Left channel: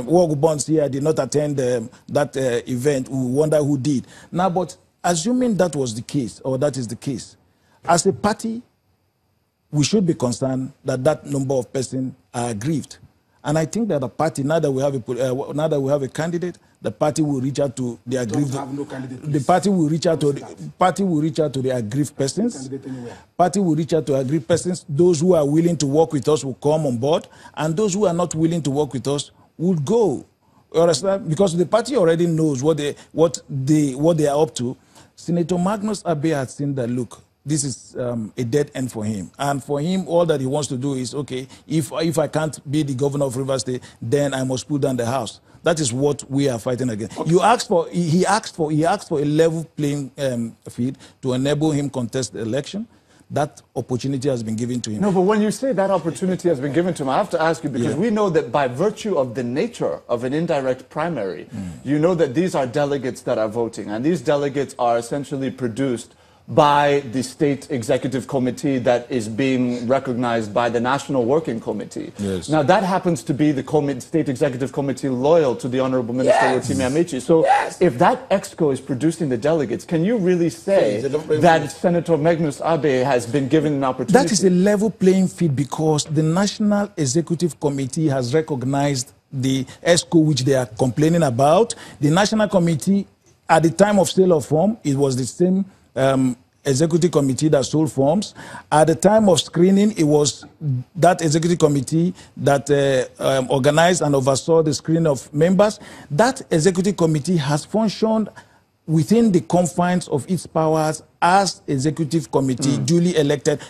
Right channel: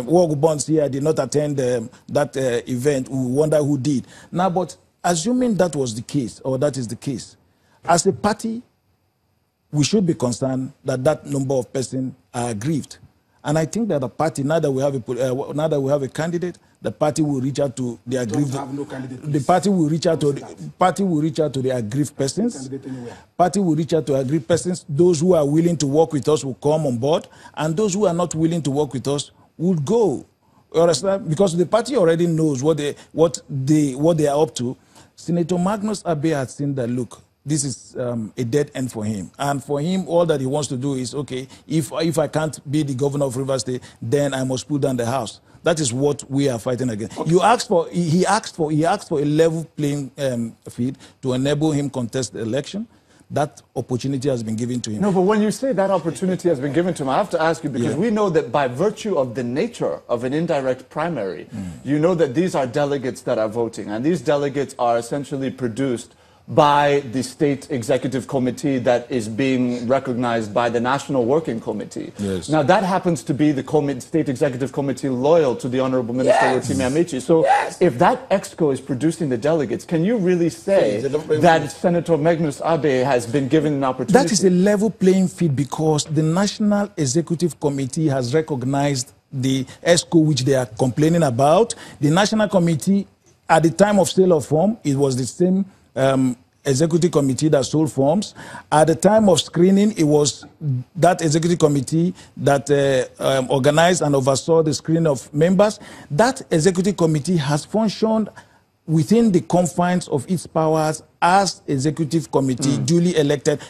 Work Bonds here did not attend that event. We wonder who did. Now, but assuming that was the case, or that is the case, as a party, we should be concerned that that number of persons are aggrieved. And I think that the party, now that we have a candidate, the party will reach out to the aggrieved. The party will reach out to the aggrieved persons. Party will reach out to aggrieved persons. Those who are willing to work with us will come on board, and those who are not willing to work with us would go. Because the party already knows what they are up to. Senator Magnus Abe has seen that, look, this is a dead end for him. And for him, all that he wants to do is, okay, if I can't be the governor of Rivers State, then I must pull down the house. That is what we are fighting against. Okay. He asked for a level playing field to enable him contest the election. That opportunity has been given to him. No, but when you say that opportunity has been given to him, I have to ask you, because we know that by virtue of the nature of an indirect primary, you know that these are delegates that are voting, and these delegates are essentially produced by the state executive committee that is being recognized by the National Working Committee. Yes. Now, that happens to be the state executive committee loyal to the Honorable Minister Rotimi Amaechi. So if that EXCO is producing the delegates, can you really say that Senator Magnus Abe has been given an opportunity? That is a level playing field because the National Executive Committee has recognized the EXCO which they are complaining about. The National Committee, at the time of sale of form, it was the same executive committee that sold forms. At the time of screening, it was that executive committee that organized and oversaw the screening of members. That executive committee has functioned within the confines of its powers as executive committee, duly elected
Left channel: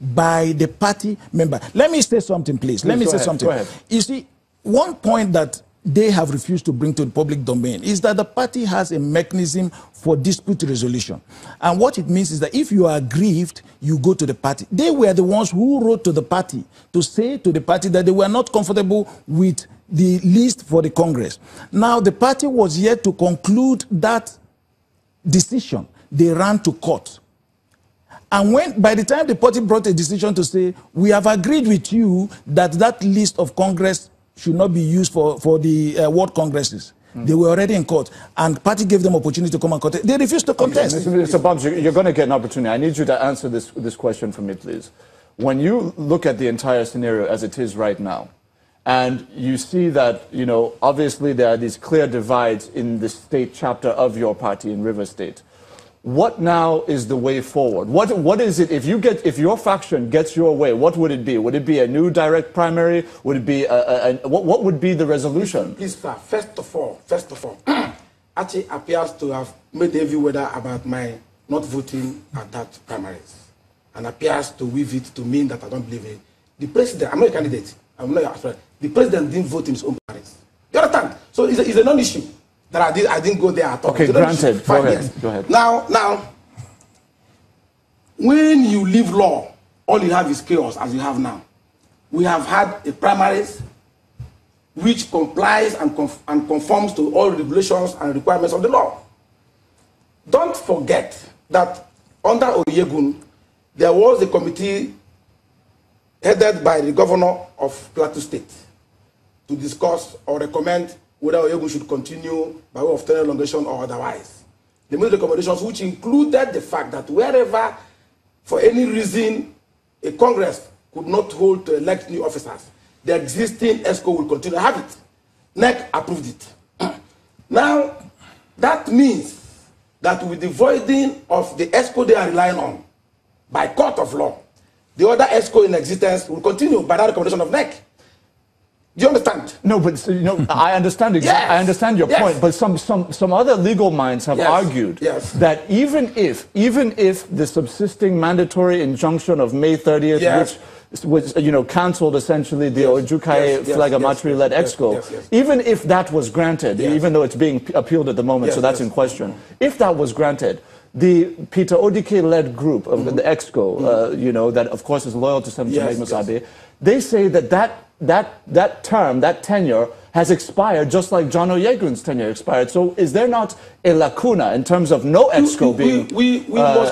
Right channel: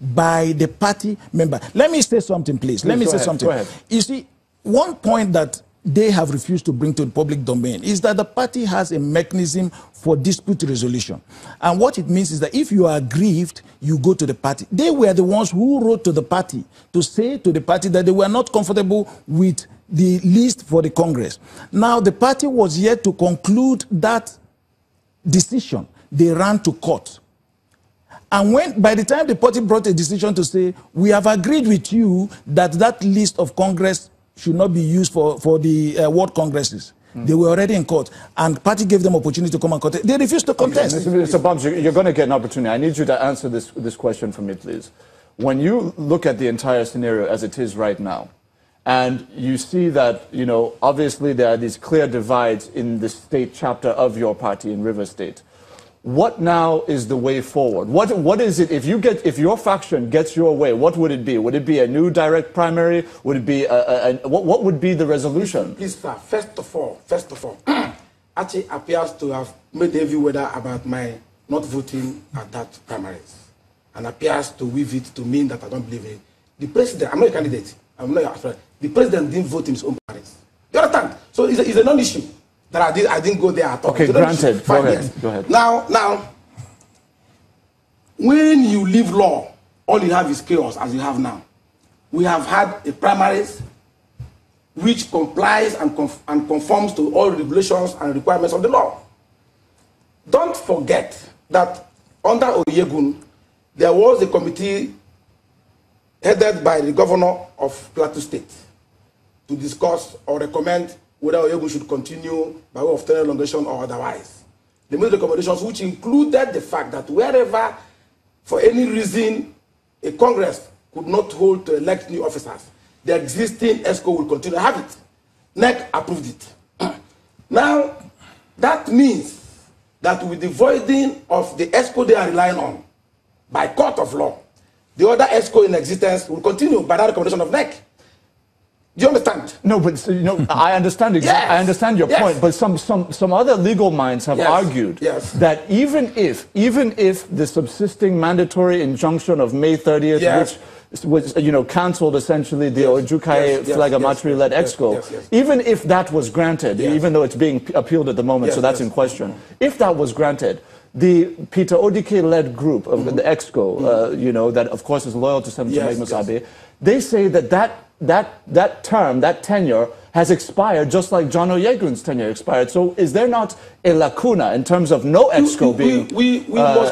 by the party member. Let me say something, please. Let me say something. You see, one point that they have refused to bring to the public domain is that the party has a mechanism for dispute resolution. And what it means is that if you are aggrieved, you go to the party. They were the ones who wrote to the party to say to the party that they were not comfortable with the list for the Congress. Now, the party was yet to conclude that decision. They ran to court. And by the time the party brought a decision to say, we have agreed with you that that list of Congress should not be used for the World Congresses. They were already in court, and the party gave them opportunity to come and contest. They refused to contest. Okay, Mr. Bams, you're going to get an opportunity. I need you to answer this question for me, please. When you look at the entire scenario as it is right now, and you see that, you know, obviously there are these clear divides in the state chapter of your party in River State. What now is the way forward? What is it, if your faction gets your way, what would it be? Would it be a new direct primary? Would it be what would be the resolution? First of all, Achi appears to have made heavy weather about my not voting at that primaries, and appears to weave it to mean that I don't believe it. The president, I'm not a candidate, I'm not afraid. The president didn't vote in his own primaries. You understand? So it's a non-issue. That I didn't go there at all. Okay, so granted. Go ahead. Now, when you leave law, all you have is chaos, as you have now. We have had a primaries which complies and conforms to all regulations and requirements of the law. Don't forget that under Oyegun, there was a committee headed by the governor of Plateau State to discuss or recommend whether Oyegun should continue by way of tenure elongation or otherwise. They made recommendations which included the fact that wherever, for any reason, a Congress could not hold to elect new officers, the existing EXCO will continue to have it. NEC approved it. Now, that means that with the voiding of the EXCO they are relying on by court of law, the other EXCO in existence will continue by that recommendation of NEC. Do you understand? No, but you know, I understand. I understand your point. But some other legal minds have argued that even if the subsisting mandatory injunction of May 30th, which was cancelled essentially the Ojukai Flag-Amatri-led EXCO, even if that was granted, even though it's being appealed at the moment, so that's in question. If that was granted, the Peter Odike-led group of the EXCO, that of course is loyal to Senator Magnus Abe, they say that term, that tenure, has expired just like John Oyegun's tenure expired. So is there not a lacuna in terms of no EXCO being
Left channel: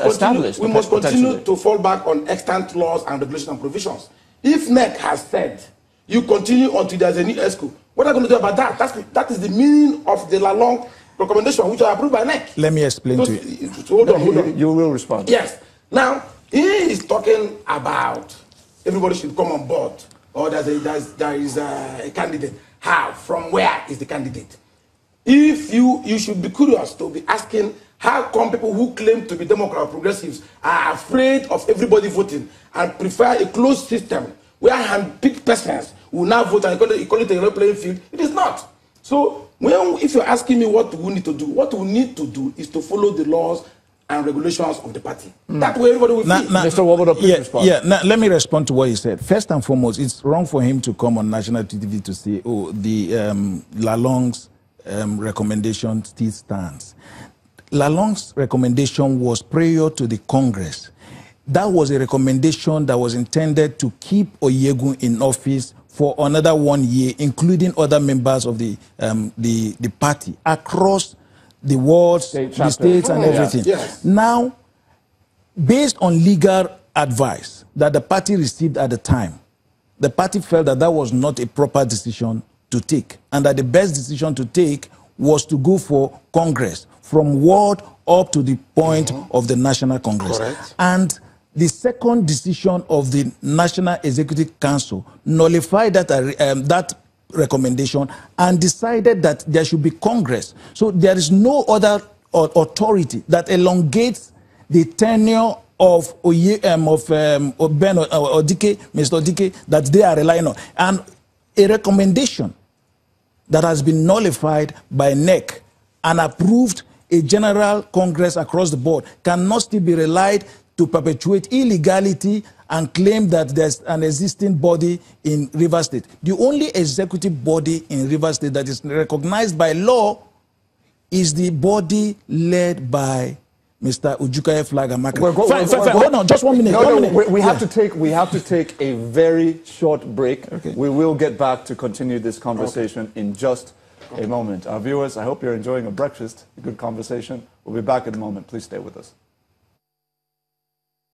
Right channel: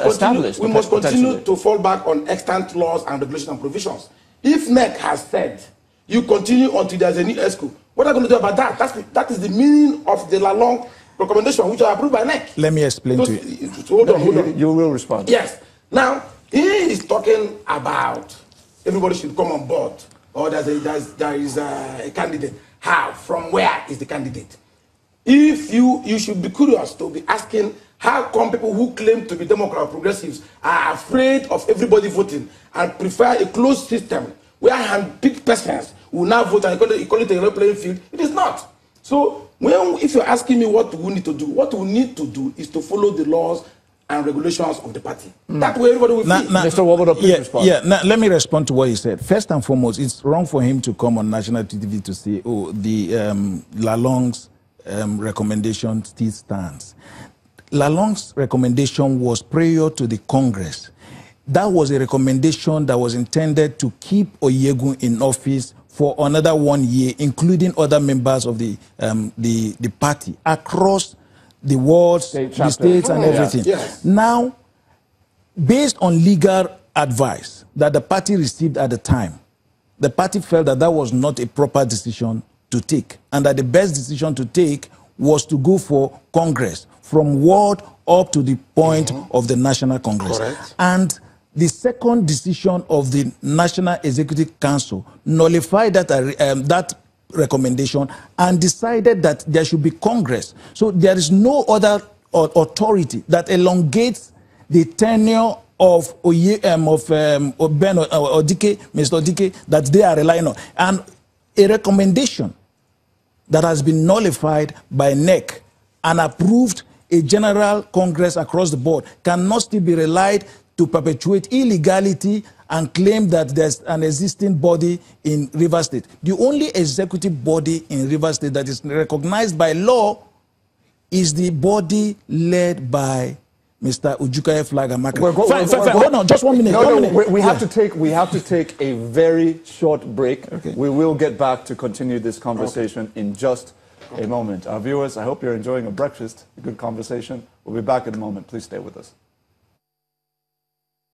established? We must continue to fall back on extant laws and regulations and provisions. If NEC has said You continue until there's a new ESCO. What are you going to do about that? That is the meaning of the Lalong recommendation, which are approved by NEC. Let me explain to you. Hold on. You will respond. Yes. Now, he is talking about everybody should come on board, or there is a candidate. How? From where is the candidate? If you should be curious to be asking, how come people who claim to be Democrat or progressives are afraid of everybody voting and prefer a closed system where hand-picked persons will now vote and call it a level playing field? It is not. So, if you're asking me what we need to do, what we need to do is to follow the laws and regulations of the party. That way everybody will feel. Mr. Nwobodo, please respond. Now, let me respond to what you said. First and foremost, it's wrong for him to come on national TV to say, oh, the Lalong's recommendation still stands. Lalong's recommendation was prior to the Congress. That was a recommendation that was intended to keep Oyegun in office for another 1 year, including other members of the party across the wards, the states, and everything. Yes. Now, based on legal advice that the party received at the time, the party felt that that was not a proper decision to take, and that the best decision to take was to go for Congress, from ward up to the point of the National Congress. Correct. And the second decision of the National Executive Council nullified that recommendation and decided that there should be Congress. So there is no other authority that elongates the tenure of Mr. Odike that they are relying on. And a recommendation that has been nullified by NEC and approved a general Congress across the board cannot still be relied to perpetuate illegality and claim that there's an existing body in Rivers State. The only executive body in Rivers State that is recognized by law is the body led by Mr. Ujukaye Flag-Amakra. Hold on, just 1 minute. No, we have to take a very short break. Okay. We will get back to continue this conversation in just a moment. Our viewers, I hope you're enjoying a breakfast, a good conversation. We'll be back in a moment. Please stay with us.